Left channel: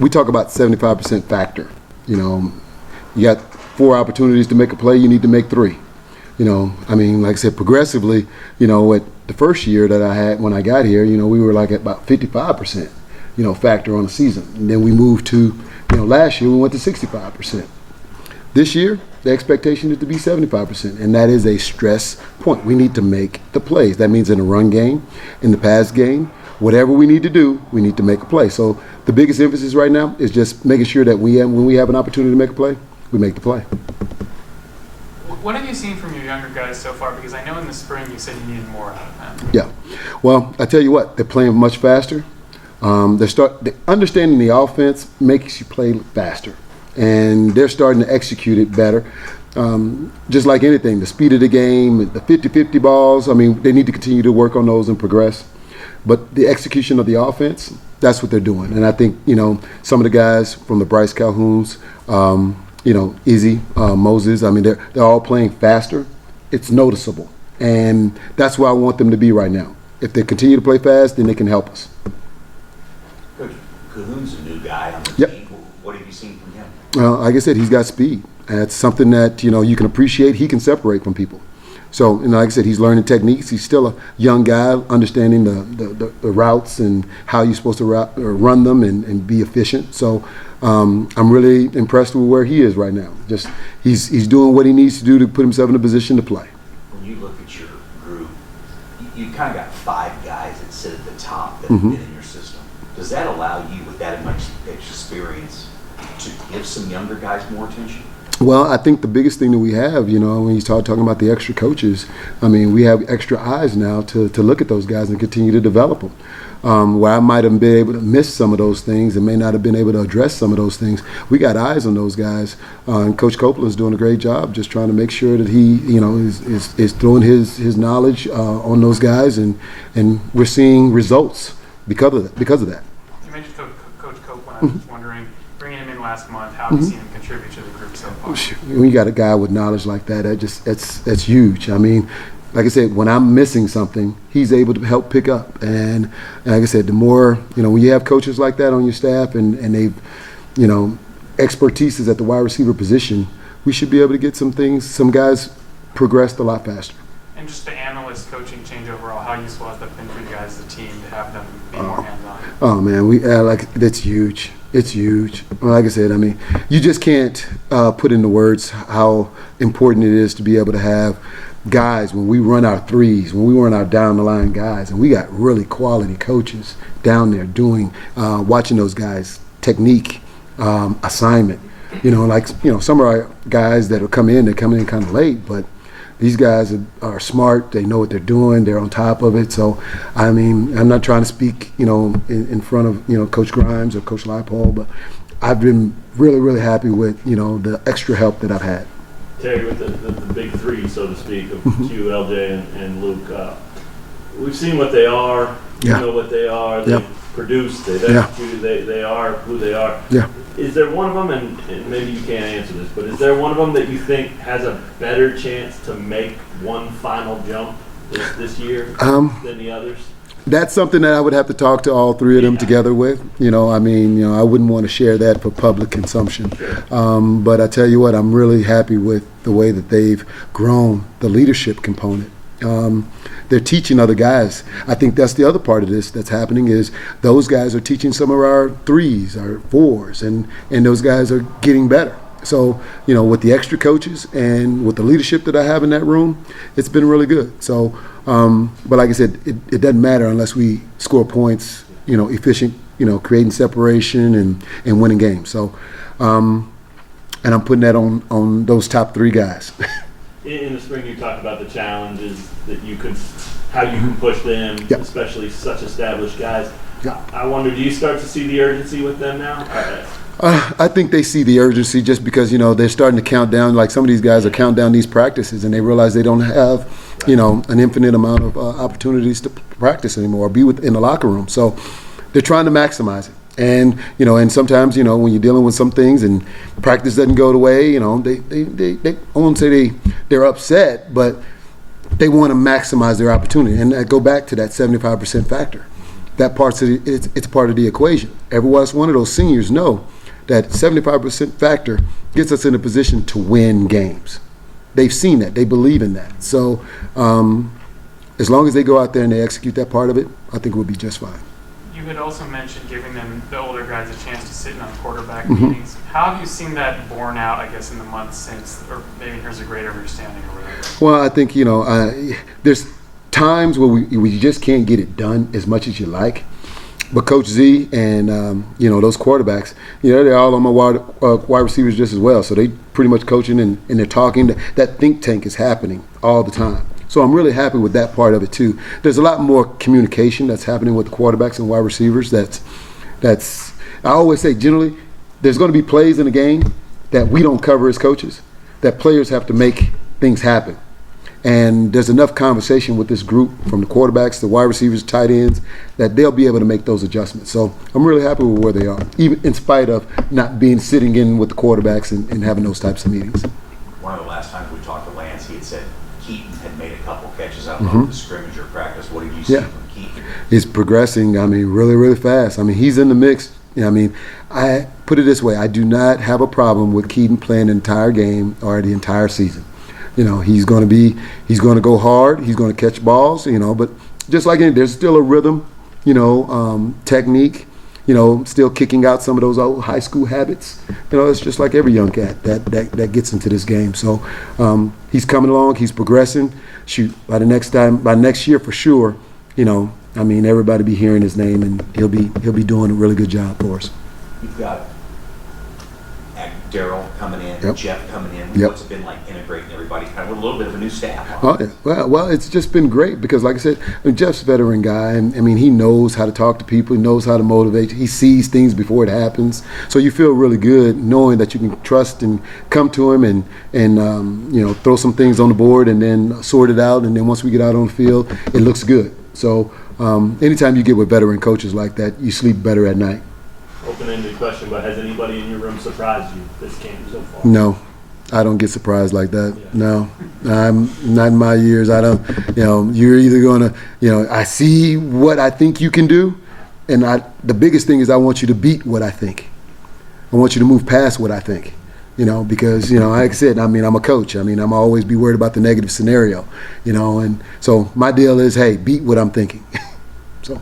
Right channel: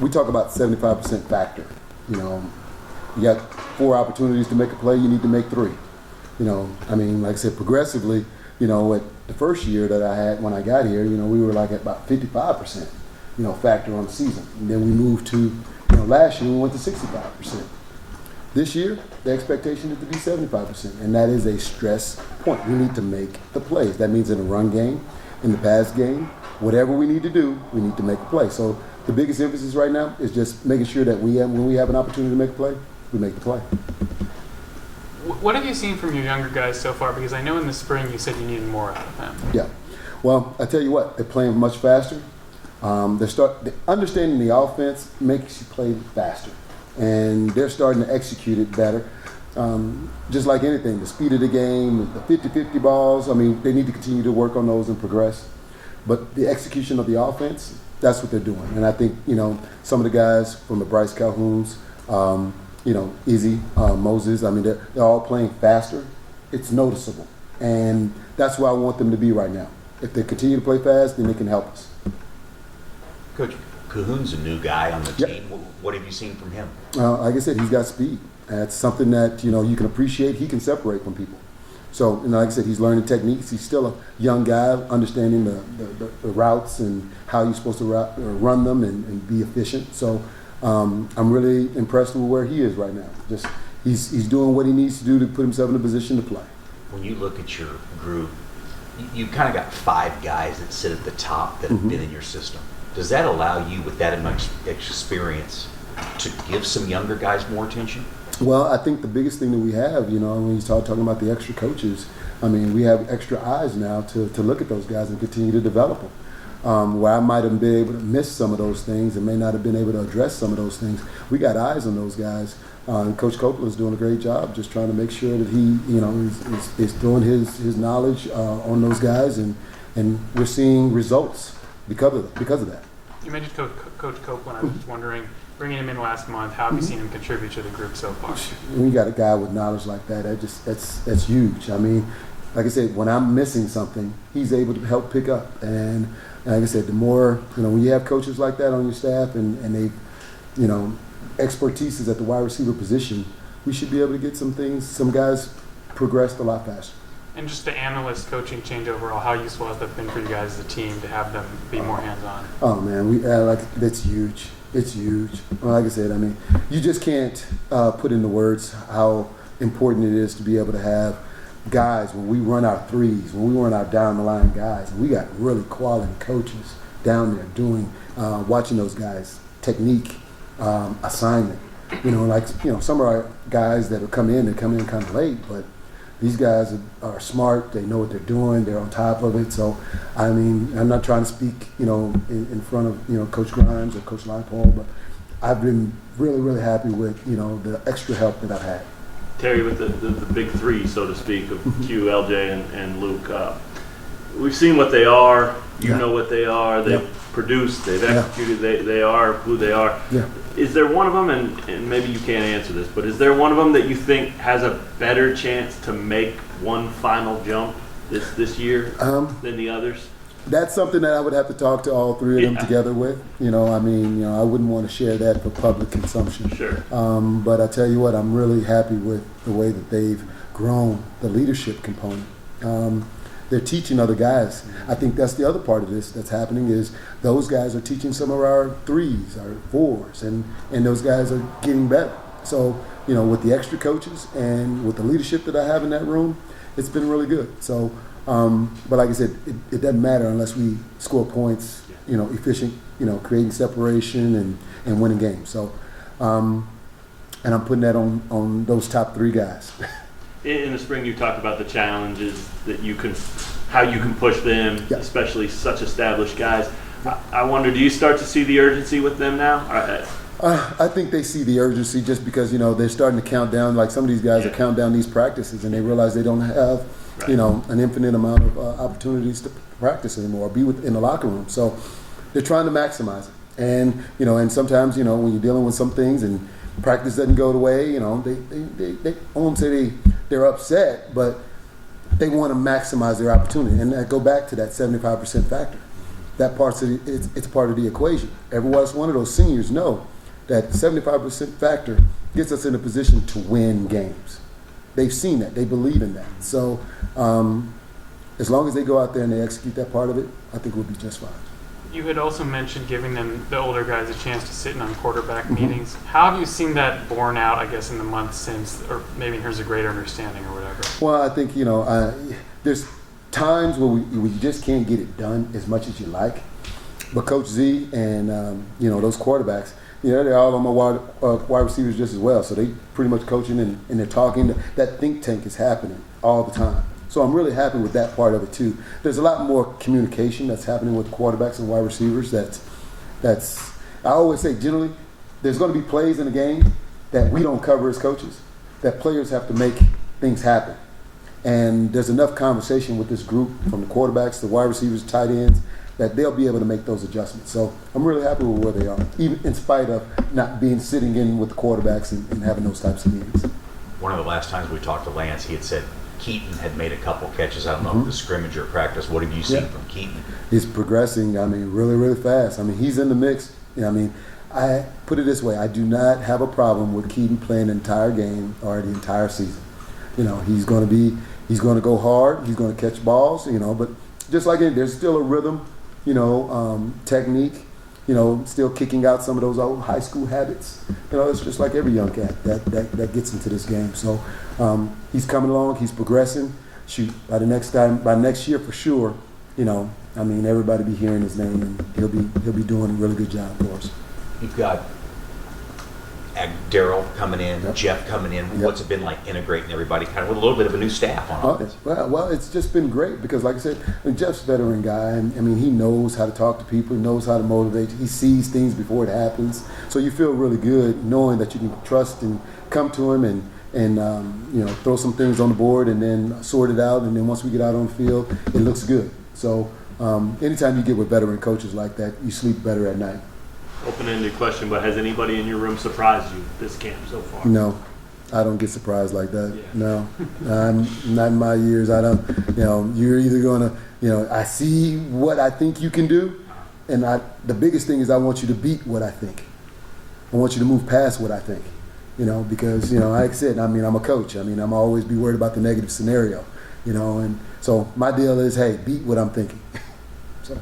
we talk about 75% factor. You know, you got 4 opportunities to make a play, you need to make 3. You know, I mean, like I said, progressively, you know, at the first year that I had when I got here, you know, we were like at about 55%, you know, factor on the season. And then we moved to, you know, last year we went to 65%. This year, the expectation is to be 75%, and that is a stress point. We need to make the plays. That means in the run game, in the pass game, whatever we need to do, we need to make a play. So the biggest emphasis right now is just making sure that when we have an opportunity to make a play, we make the play. What have you seen from your younger guys so far? Because I know in the spring you said you needed more out of them. Yeah. Well, I tell you what, they're playing much faster. Understanding the offense makes you play faster, and they're starting to execute it better. Just like anything, the speed of the game, the 50-50 balls, I mean, they need to continue to work on those and progress. But the execution of the offense, that's what they're doing. And I think, you know, some of the guys from the Bryce Calhouns, you know, Izzy, Moses, I mean, they're all playing faster. It's noticeable. And that's where I want them to be right now. If they continue to play fast, then they can help us. Coach, Calhoun's a new guy on the Yep. team. What have you seen from him? Like I said, he's got speed. That's something that, you know, you can appreciate. He can separate from people. So, you know, like I said, he's learning techniques. He's still a young guy, understanding the routes and how you're supposed to run them and be efficient. So I'm really impressed with where he is right now. Just he's doing what he needs to do to put himself in a position to play. When you look at your group, you kind of got 5 guys that sit at the top that have been in your system. Does that allow you, with that much experience, to give some younger guys more attention? Well, I think the biggest thing that we have, you know, when you start talking about the extra coaches, I mean, we have extra eyes now to look at those guys and continue to develop them. Where I might have been able to miss some of those things and may not have been able to address some of those things, we got eyes on those guys. And Coach Copeland's doing a great job just trying to make sure that he, you know, is throwing his knowledge on those guys, and we're seeing results because of that. You mentioned Coach Copeland. I was just wondering, bringing him in last month, how have you seen him contribute to the group so far? When you got a guy with knowledge like that, that's huge. I mean, like I said, when I'm missing something, he's able to help pick up. And like I said, the more, you know, when you have coaches like that on your staff and they, you know, expertise is at the wide receiver position, we should be able to get some guys progressed a lot faster. And just the analyst coaching change overall, how useful has that been for you guys as a team to have them be more hands-on? Oh man, that's huge. It's huge. Well, like I said, I mean, you just can't put into words how important it is to be able to have guys when we run our threes, when we run our down the line guys, and we got really quality coaches down there doing, watching those guys technique, assignment. You know, like, you know, some of our guys that come in kind of late, but these guys are smart. They know what they're doing. They're on top of it. So, I mean, I'm not trying to speak, you know, in front of, you know, Coach Grimes or Coach Leipold, but I've been really, really happy with, you know, the extra help that I've had. Terry, with the big 3, so to speak, of Q, LJ, and Luke, we've seen what they are. You know what they are. They've produced. They've executed. They are who they are. Yeah. Is there one of them, and maybe you can't answer this, but is there one of them that you think has a better chance to make one final jump this year than the others? That's something that I would have to talk to all 3 of them together with. You know, I mean, you know, I wouldn't want to share that for public consumption. Sure. But I tell you what, I'm really happy with the way that they've grown the leadership component. They're teaching other guys. I think that's the other part of this that's happening is those guys are teaching some of our 3s, our 4s, and those guys are getting better. So, you know, with the extra coaches and with the leadership that I have in that room, it's been really good. So, but like I said, it doesn't matter unless we score points, you know, efficient, you know, creating separation and winning games. So, and I'm putting that on those top 3 guys. In the spring, you talked about the challenges that how you can push them, especially such established guys. I wonder, do you start to see the urgency with them now? I think they see the urgency just because, you know, they're starting to count down. Like some of these guys are counting down these practices, and they realize they don't have, you know, an infinite amount of opportunities to practice anymore or be in the locker room. So they're trying to maximize it. And, you know, and sometimes, you know, when you're dealing with some things and practice doesn't go the way, you know, they I won't say they're upset, but they want to maximize their opportunity. And I go back to that 75% factor. that part's it's part of the equation. Every last one of those seniors know that 75% factor gets us in a position to win games. They've seen that. They believe in that. So as long as they go out there and they execute that part of it, I think we'll be just fine. You had also mentioned giving them, the older guys, a chance to sit in on quarterback meetings. How have you seen that borne out, I guess, in the months since, or maybe here's a greater understanding or whatever? Well, I think, there's times where we just can't get it done as much as you like. But Coach Z and, those quarterbacks, they're all on my wide receivers just as well. So they pretty much coaching and they're talking. That think tank is happening all the time. So I'm really happy with that part of it too. There's a lot more communication that's happening with quarterbacks and wide receivers. That's I always say generally there's going to be plays in the game that we don't cover as coaches, that players have to make things happen. And there's enough conversation with this group, from the quarterbacks, the wide receivers, tight ends, that they'll be able to make those adjustments. So I'm really happy with where they are, even in spite of not being sitting in with the quarterbacks and having those types of meetings. One of the last times we talked to Lance, he had said Keaton had made a couple catches. I don't know if the scrimmage or practice. What have you seen from Keaton? He's progressing, really, really fast. He's in the mix. I put it this way. I do not have a problem with Keaton playing the entire game or the entire season. He's going to go hard. He's going to catch balls, but just like anything, there's still a rhythm, technique, still kicking out some of those old high school habits. It's just like every young cat that gets into this game. So he's coming along. He's progressing. Shoot, by next year for sure, everybody be hearing his name, and he'll be doing a really good job for us. You've got Daryl coming in, Jeff coming in. What's it been like integrating everybody kind of with a little bit of a new staff on it? Well, it's just been great because, like I said, Jeff's a veteran guy, and he knows how to talk to people. He knows how to motivate. He sees things before it happens. So you feel really good knowing that you can trust and come to him and throw some things on the board and then sort it out. And then once we get out on the field, it looks good. So anytime you get with veteran coaches like that, you sleep better at night. Open-ended question, but has anybody in your room surprised you this camp so far? No, I don't get surprised like that. No, I'm not in my years. I don't. You're either gonna. I see what I think you can do, and the biggest thing is I want you to beat what I think. I want you to move past what I think. Because like I said, I'm a coach. I'm always be worried about the negative scenario. And so my deal is, hey, beat what I'm thinking. So.